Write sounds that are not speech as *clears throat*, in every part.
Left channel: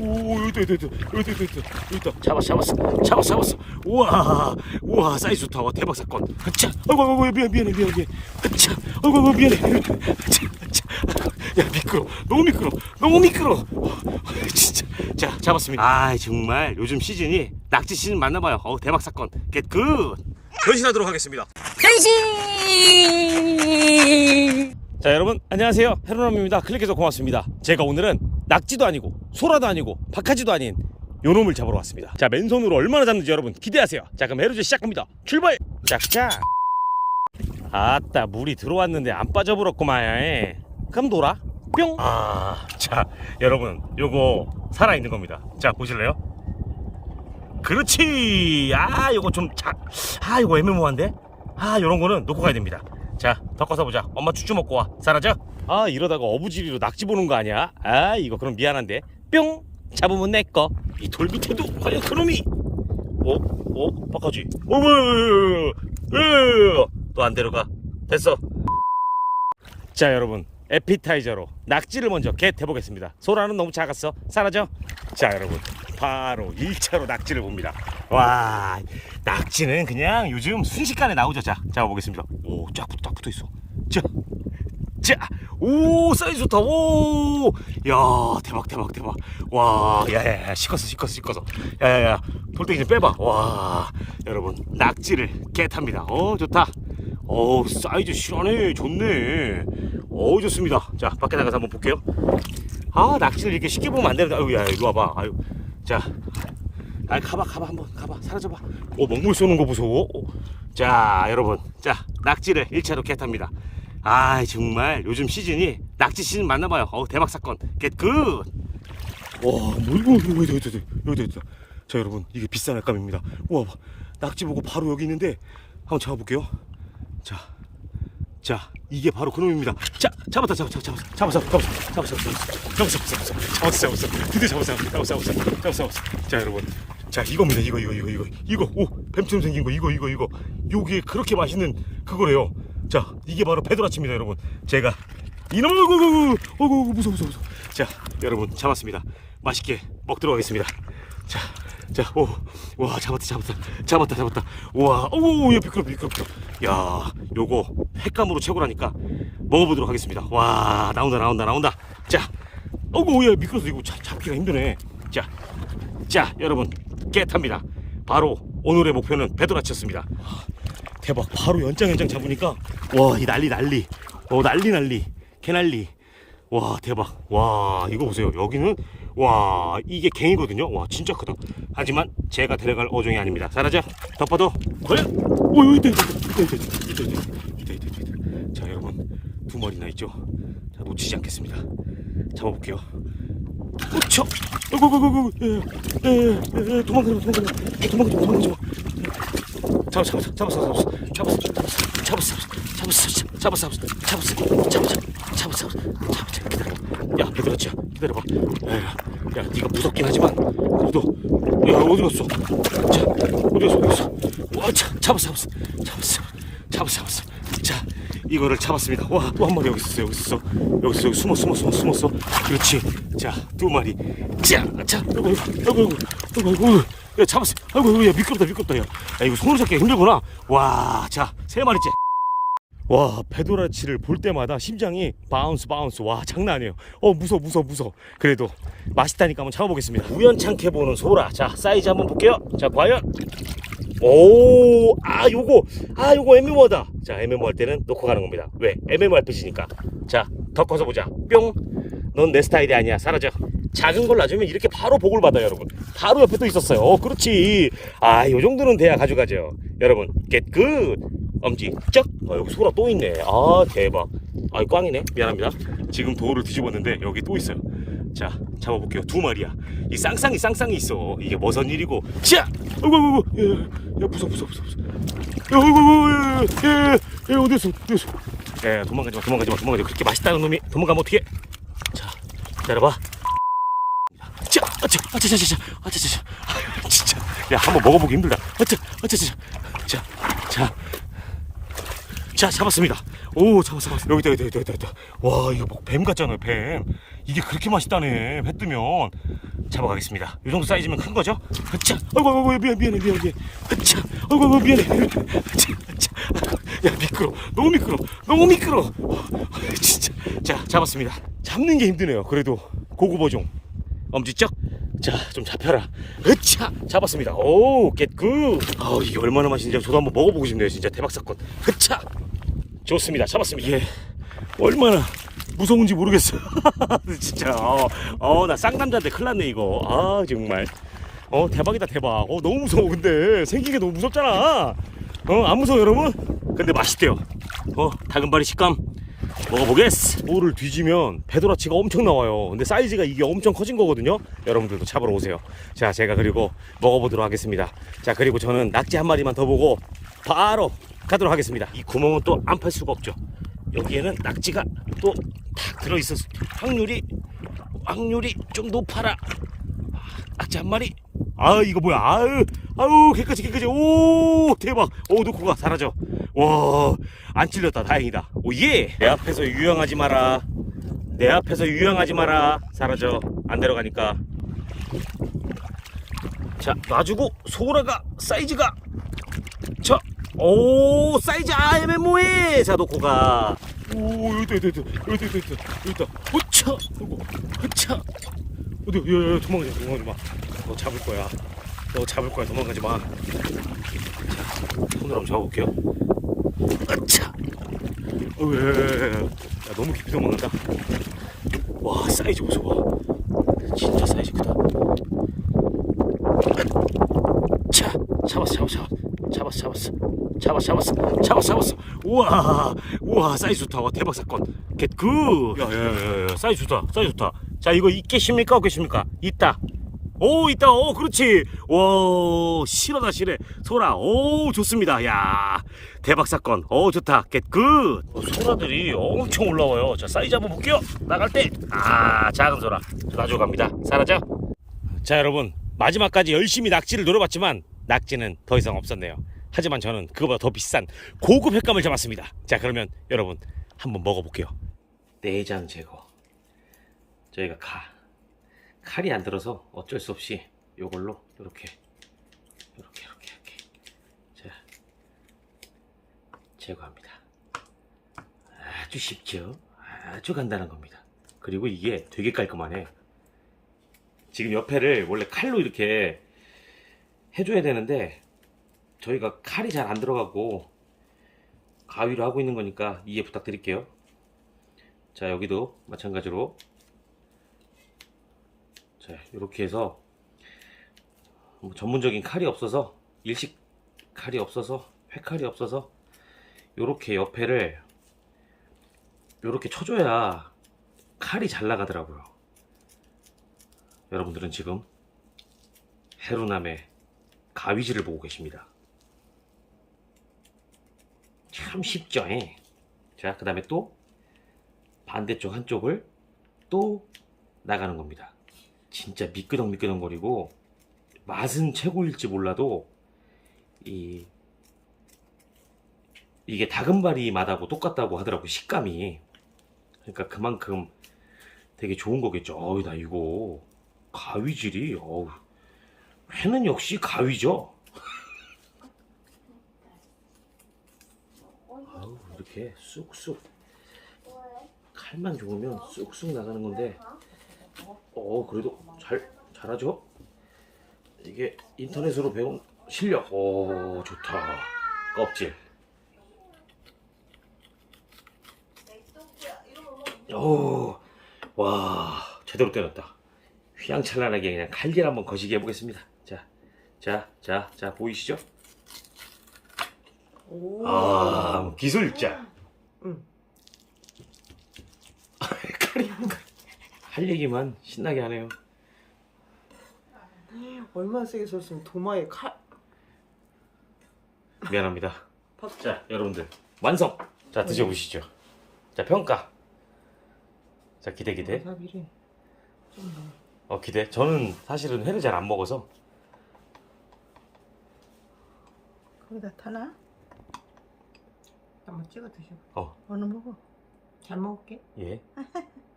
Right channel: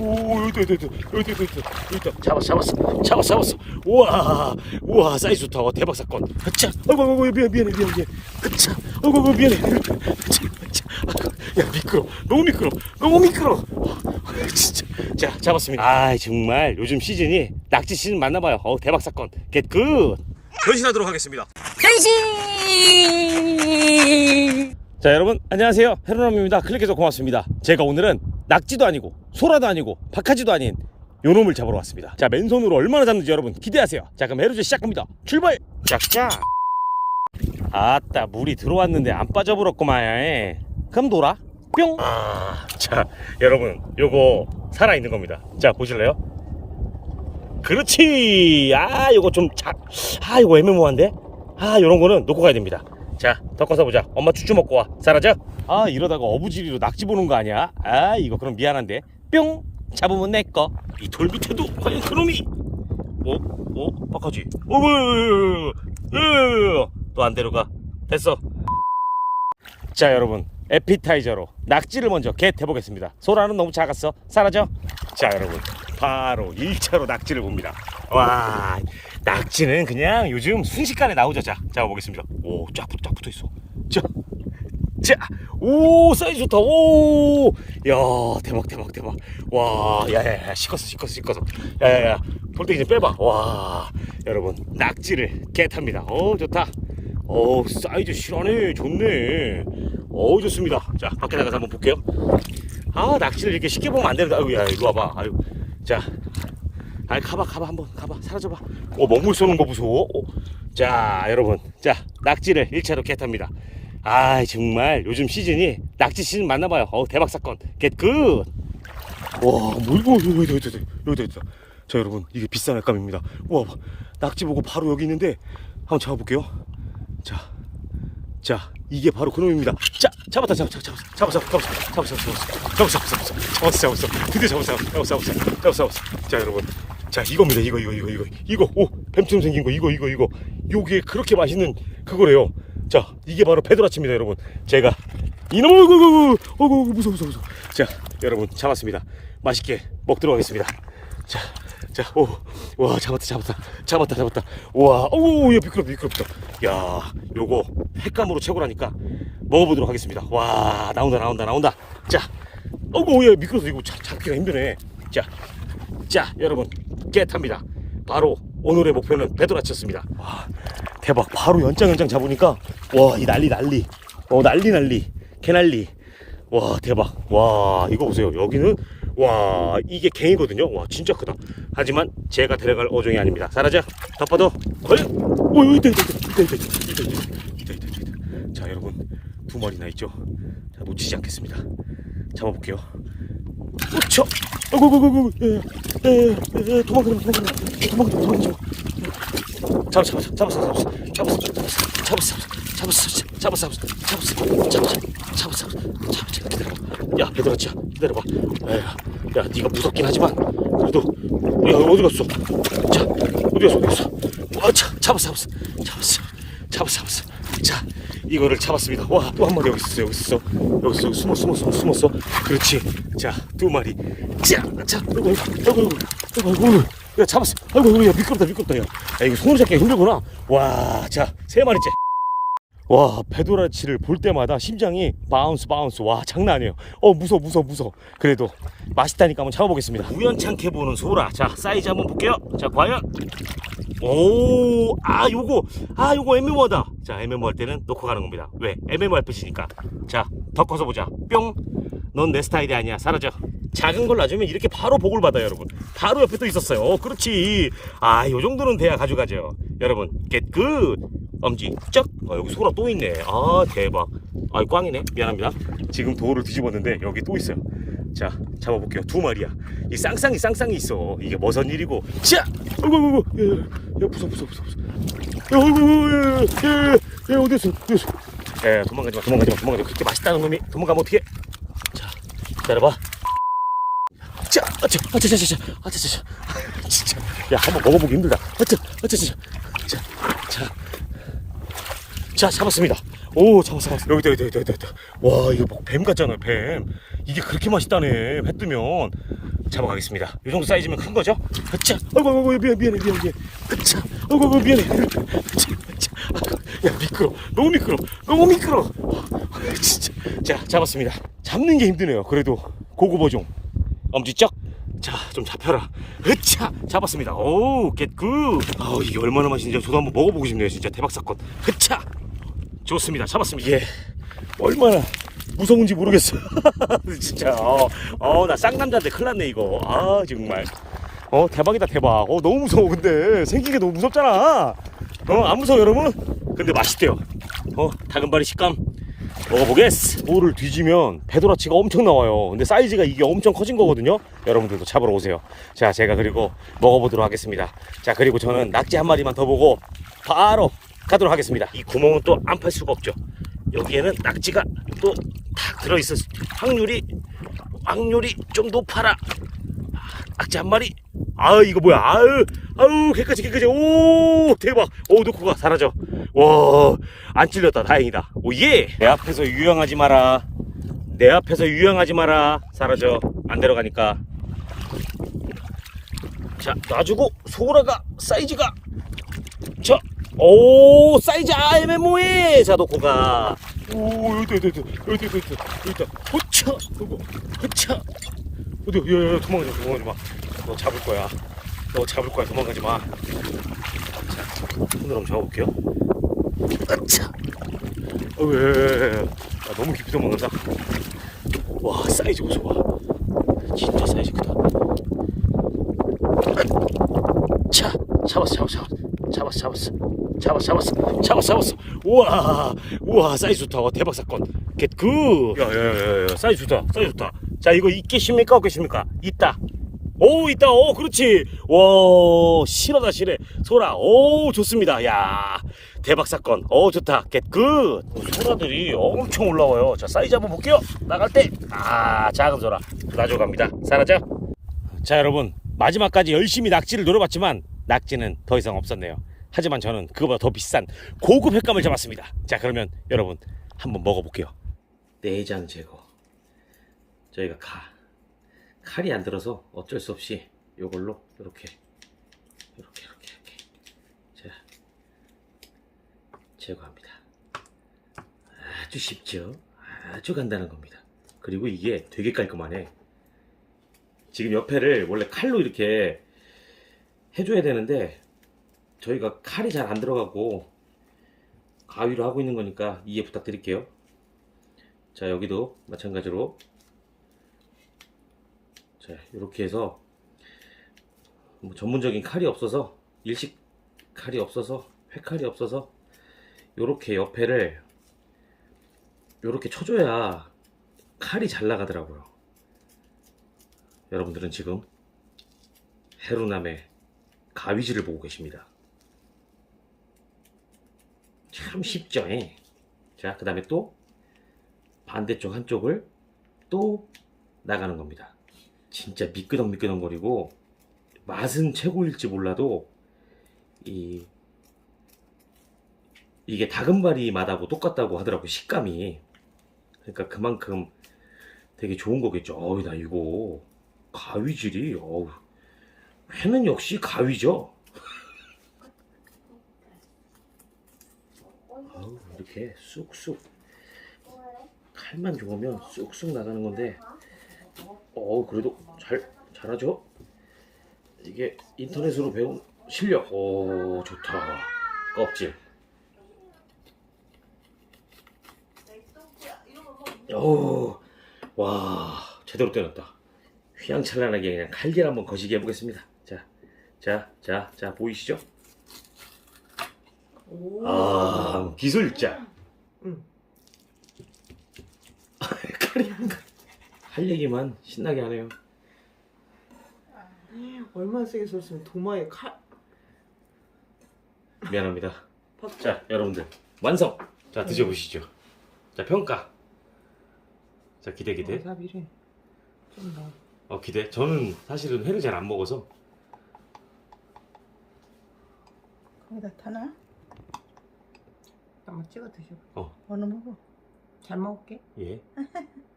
오 여기 있다 여기 있다 여기 있다 여기 있다 여기 있다. 잡았어 잡았어 잡았어 잡았어. 우와 우와 사이즈 좋다 와 대박 사건. 아차 아이고 아이고 미안 미안해 미안해 미안해 아차 아이고 아이고 미안해. 아차 아차 야 미끄러. 너무 미끄러. 너무 미끄러. 진짜. 자 잡았습니다. 아 정말 요즘 시즌이 낙지 시즌 맞나봐요. 어 대박 사건. 겟굿 변신하도록 하겠습니다. 자 여러분 안녕하세요. 헤로남입니다. 클릭해서 고맙습니다. 제가 오늘은 낙지도 아니고 소라도 아니고 박하지도 아닌 요놈을 잡으러 왔습니다. 자 맨손으로 얼마나 잡는지 여러분 기대하세요. 자 그럼 해루즈 시작합니다. 출발! 짝짝! 아따 물이 들어왔는데 안 빠져버렸구만. 그럼 놀아. 뿅 아 자 여러분 요거 살아있는 겁니다. 자 보실래요? 그렇지! 아 요거 좀작아 요거 애매모호한데? 아 요런 거는 놓고 가야 됩니다. 자 덮어서 보자. 엄마 쭈쭈 먹고 와. 사라져 아 이러다가 어부지리로 낙지 보는 거 아니야? 아 이거 그럼 미안한데. 뿅! 잡으면 내꺼 이 돌 밑에도 과연 그놈이. 어? 어? 박하지. 어왜왜왜또 안 데려가. 됐어. 자 여러분. 에피타이저로 낙지를 먼저 겟 해 보겠습니다. 소라는 너무 작았어. 사라져. 자 여러분. 바로 1차로 낙지를 봅니다. 와 낙지는 그냥 요즘 순식간에 나오죠. 자 잡아보겠습니다. 오쫙 붙, 쫙 붙어있어. 자 자 오 사이즈 좋다. 오 야 대박 대박 대박. 와 야 야 야 시커서 시커서 시커서. 야 야 야 돌덩이 좀 빼봐. 와 여러분 낙지를 겟합니다. 어 좋다. 어 사이즈 실하네. 좋네. 어 좋습니다. 자 밖에 나가서 한번 볼게요. 아 낙지를 이렇게 쉽게 보면 안 되는데. 아유 야 이리 와봐. 아유. 자 아 가봐 가봐 한번 가봐. 사라져봐. 오 먹물 쏘는 거 무서워? 오. 자 여러분. 자 낙지를 1차로 겟합니다 아 정말 요즘 시즌이 낙지 시즌 맞나봐요 어 대박 사건 겟굿 와 뭐이고 이거 여기 있다 여기 있다 자 여러분 이게 비싼 알감입니다 우와 낙지 보고 바로 여기 있는데 한번 잡아볼게요 자 자, 이게 바로 그놈입니다. 자, 잡았다, 잡았다, 잡았다, 잡았어, 잡았어, 잡았어, 잡았어, 잡았어, 잡았어, 잡았어, 드디어 잡았어, 잡았어, 잡았어, 잡았어, 잡았어. 자, 여러분, 자, 이겁니다. 이거, 이거, 이거, 이거, 이거, 오, 뱀처럼 생긴 거, 이거, 이거, 이거. 요게 그렇게 맛있는 그거래요. 자, 이게 바로 베드라치입니다, 여러분. 제가 이놈을, 어구, 어구, 어구, 어구, 무서워, 무서워, 무서워. 자, 여러분 잡았습니다. 맛있게 먹도록 하겠습니다. 자, 자, 오, 와, 잡았다, 잡았다, 잡았다, 잡았다. 와, 오, 야, 미끄럽다, 미끄럽다. 야, 요거 횟감으로 최고라니까 먹어보도록 하겠습니다. 와, 나온다, 나온다, 나온다. 자, 어구, 야, 미끄러서 이거 잡, 잡기가 힘드네. 자, 자, 여러분, 깨탑니다. 바로 오늘의 목표는 베드라치였습니다. 와, 대박, 바로 연장 연장 잡으니까 와, 이 난리 난리, 어, 난리 난리, 개난리. 와 대박 와 이거 보세요 여기는 와 이게 갱이거든요 와 진짜 크다 하지만 제가 데려갈 어종이 아닙니다 사라져 덮어도 과연 오 여기 있다 있다 있다 있다 있다 있다 있다 있다 있다 있다 있다 자 여러분 두 마리나 있죠 자 놓치지 않겠습니다 잡아볼게요 우쳐 아이고 아이고 예예예 도망가지 마 도망가지 마 도망가지 마 도망가지 마 잡았어 잡았어 잡았어 잡았어 잡았어 잡았어 잡았어 잡았어 잡았어 잡았어 잡았어 잡았어 기다려봐 야 베드라치야 기다려봐 야야 야 네가 무섭긴 하지만 그래도 야 어디 갔어 자 어디 갔어 어디 갔어 와자 잡았어 잡았어 잡았어 잡았어 잡았어 자 이거를 잡았습니다 와 또 한 마리 여기 있어 여기 있어 여기 있어 숨어 숨어 숨어 숨었어 그렇지 자 두 마리 자자 아이고 아이고 아이고 아이고 아이고 야 잡았어. 아이고 야 미끄럽다 미끄럽다 야, 야 이거 손으로 잡기가 힘들구나. 와 자 세 마리째. 와 베도라치를 볼 때마다 심장이 바운스 바운스. 와 장난 아니에요. 어 무서워 무서워 무서워. 그래도 맛있다니까 한번 잡아보겠습니다. 우연찮게 보는 소라. 자 사이즈 한번 볼게요. 자 과연? 오 아 요거. 아 요거 MMO다. 자 MMO 할 때는 놓고 가는 겁니다. 왜? MMO RPG니까. 자 더 커서 보자. 뿅 넌 내 스타일이 아니야. 사라져 작은 걸 놔주면 이렇게 바로 복을 받아요 여러분. 바로 옆에 또 있었어요. 어 그렇지. 아 요 정도는 돼야 가져가죠. 여러분 겟굿 엄지 쩍. 어, 여기 소라 또 있네. 아 대박. 아 꽝이네. 미안합니다. 지금 돌을 뒤집었는데 여기 또 있어요. 자 잡아볼게요. 두 마리야. 이 쌍쌍이 쌍쌍이 있어. 이게 무슨 일이고. 자! 아이고 아이고 아이고. 야, 야 무서워 무서워 무서워 야 아이고 아이고 야, 야, 야, 야 어디 있어 어디 있어? 야 도망가지 마 도망가지 마 도망가지 마. 그렇게 맛있다는 놈이 도망가면 어떡해? 자 기다려봐. 자, 아차, 아차, 아차, 아차, 아차, 아차, 아, 진짜, 야, 한번 먹어보기 힘들다. 아차, 아차, 아차, 자, 자, 자, 잡았습니다. 오, 잡았어, 잡았어. 여기다, 여기다, 여기다, 여기다. 와, 이거 뭐 뱀 같잖아요, 뱀. 이게 그렇게 맛있다네, 회 뜨면. 잡아가겠습니다. 이 정도 사이즈면 큰 거죠? 으차, 아이고, 아이고, 미안, 미안해, 미안해, 미안해. 으차, 아이고, 아이고, 미안해. 으차, 아이고, 야, 미끄러, 너무 미끄러, 너무 미끄러. 진짜. 자, 잡았습니다. 잡는 게 힘드네요. 그래도 고구버종, 엄지척. 자, 좀 잡혀라. 으차, 잡았습니다. 오, 겟굿. 아우, 이게 얼마나 맛있는지 저도 한번 먹어보고 싶네요. 진짜 대박 사건. 으차, 좋습니다. 잡았습니다. 이게 얼마나 무서운지 모르겠어. *laughs* 진짜. 어, 어, 나 쌍남자인데 큰일 났네, 이거. 아, 정말. 어, 대박이다, 대박. 어, 너무 무서워, 근데. 생긴 게 너무 무섭잖아. 어, 안 무서워, 여러분? 근데 맛있대요. 어, 다금바리 식감. 먹어보겠어. 볼을 뒤지면 배도라치가 엄청 나와요. 근데 사이즈가 이게 엄청 커진 거거든요. 여러분들도 잡으러 오세요. 자, 제가 그리고 먹어보도록 하겠습니다. 자, 그리고 저는 낙지 한 마리만 더 보고 바로 가도록 하겠습니다. 이 구멍은 또 안 팔 수가 없죠. 여기에는 낙지가 또 탁 들어있을 확률이 확률이 좀 높아라. 아, 낙지 한 마리. 아 이거 뭐야? 아유 아유 깨끗이 깨끗이 오 대박. 오 놓고 가 사라져. 와 안 찔렸다 다행이다. 오 예. 내 앞에서 유영하지 마라. 내 앞에서 유영하지 마라. 사라져. 안 데려가니까. 자 놔주고 소라가 사이즈가 자, 오 사이즈 아 애매모해 자 놓고 가. 오 여기 있다 여기 있다 여기 있다 여기 있다 여기 있다. 호차 이거 호차. 어디 야야 도망가지 마 도망가지 마. 너 잡을 거야. 너 잡을 거야 도망가지 마. 자 손으로 한번 잡아볼게요. 으차. 어우, 야, 너무 깊이 도망간다. 와, 사이즈 보소. 와. 진짜 사이즈 크다. 차. 잡았어, 잡았어, 잡았어. 잡았어, 잡았어. 잡았어, 잡았어. 잡았어, 잡았어. 우와, 우와, 사이즈 좋다. 와, 대박 사건. 겟 굿. 야, 야, 야, 야, 사이즈 좋다. 사이즈 좋다. 자, 이거 있겠습니까? 없겠습니까? 있다. 오 있다. 오 그렇지. 와 실하다 실해. 소라. 오 좋습니다. 야 대박 사건. 오 좋다. 겟굿 어, 소라들이 엄청 올라와요. 자 사이즈 한번 볼게요. 나갈 때. 아 작은 소라. 놔줘갑니다. 사라져. 자 여러분. 마지막까지 열심히 낙지를 노려봤지만 낙지는 더 이상 없었네요. 하지만 저는 그거보다 더 비싼 고급 횟감을 잡았습니다. 자 그러면 여러분 한번 먹어볼게요. 내장 제거. 저희가 칼 칼이 안 들어서 어쩔 수 없이 요걸로 이렇게 이렇게 이렇게 이렇게 자 제거합니다. 아주 쉽죠. 아주 간단한 겁니다. 그리고 이게 되게 깔끔하네. 지금 옆에를 원래 칼로 이렇게 해줘야 되는데 저희가 칼이 잘 안 들어가고 가위로 하고 있는 거니까 이해 부탁드릴게요. 자 여기도 마찬가지로 자 이렇게 해서 뭐 전문적인 칼이 없어서 일식 칼이 없어서 회칼이 없어서 이렇게 옆에를 이렇게 쳐줘야 칼이 잘 나가더라고요. 여러분들은 지금 해루남의 가위질을 보고 계십니다. 참 쉽죠? 예? 자, 그 다음에 또 반대쪽 한쪽을 또 나가는 겁니다. 진짜 미끄덩 미끄덩거리고 맛은 최고일지 몰라도 이 이게 다금바리 맛하고 똑같다고 하더라고 식감이 그러니까 그만큼 되게 좋은 거겠죠. 어우 나 이거 가위질이 어우 회는 역시 가위죠. 아우 이렇게 쑥쑥 칼만 좋으면 쑥쑥 나가는 건데 어 그래도 잘 잘하죠. 이게 인터넷으로 배운 실력. 오 좋다. 껍질. 오, 와 제대로 때렸다. 휘황찬란하게 그냥 칼질 한번 거시게 해보겠습니다. 자, 자, 자, 자 보이시죠? 오. 아 기술자. 응. *laughs* 칼이 할 얘기만 신나게 하네요. 얼마나 세게 줬으면 도마에 칼. 미안합니다. 밥. 자, 여러분들 완성. 자 드셔보시죠. 자 평가. 자 기대 기대. 와사비를 좀 넣어. 어 기대. 저는 사실은 회를 잘 안 먹어서 여기다 타나? 한번 찍어 드셔봐. 어 어느 먹어? 잘 먹을게. 예. *laughs*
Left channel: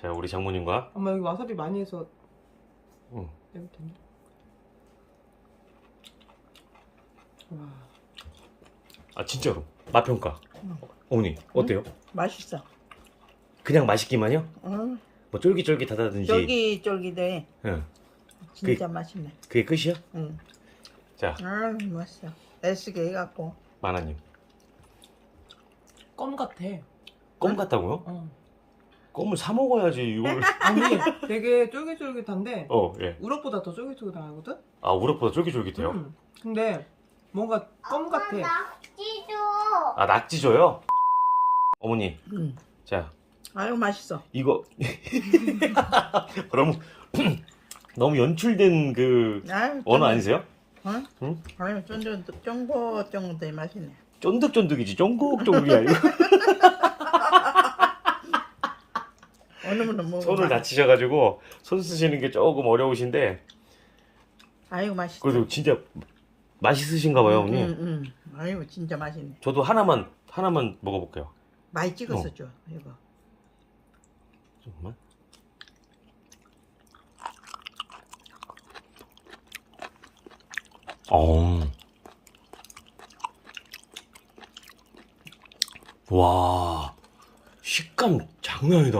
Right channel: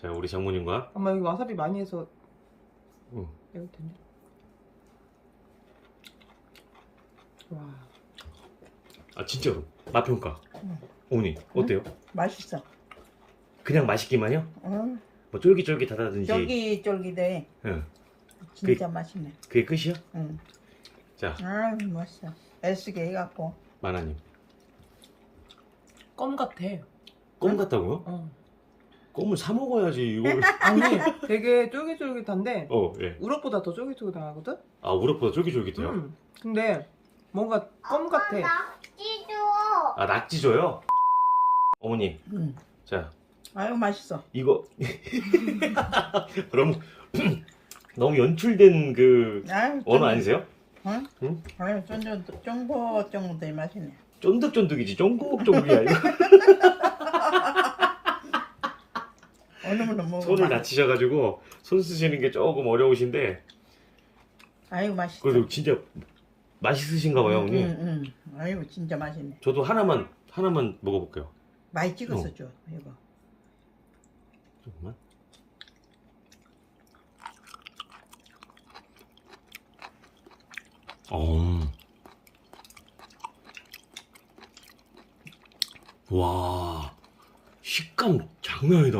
자 우리 장모님과 엄마 여기 와사비 많이 해서 응. 여기 있네. 와. 아 진짜로 맛 평가. 응. 어머니 어때요? 맛있어. 그냥 맛있기만요? 응. 뭐 쫄깃쫄깃하다든지. 쫄깃쫄깃해. 응. 진짜 맛있네. 그게 끝이야? 응. 자 아, 맛있어. 애쓰게 해갖고. 마나님. 껌 같아. 껌 같다고요? 어. 껌을 사 먹어야지 이걸. *laughs* 아니, 되게 쫄깃쫄깃한데 어 예. 우럭보다 더 쫄깃쫄깃하거든. 아 우럭보다 쫄깃쫄깃해요. 음. 근데 뭔가 껌 같아. 아 낙지줘요? 어머니 응. 자 아유, 맛있어. 이거 *laughs* 너무 *clears throat* 너무 연출된 그 아유, 언어 아니세요? 응? 응? 아유, 쫀쫀, 쫑긋쫑긋해 맛있네. 쫀득쫀득이지 쫑국쫑국이야 이거. *laughs* 먹어. 손을 다치셔가지고 손 쓰시는 게 조금 어려우신데 아유, 맛있어. 그래도 진짜 맛있으신가 봐요 어머니 응, 응. 아유, 진짜 맛있네. 저도 하나만 하나만 먹어볼게요 많이 찍어서 어. 줘, 이거. 조금만 어. 와 식감 장난 아니다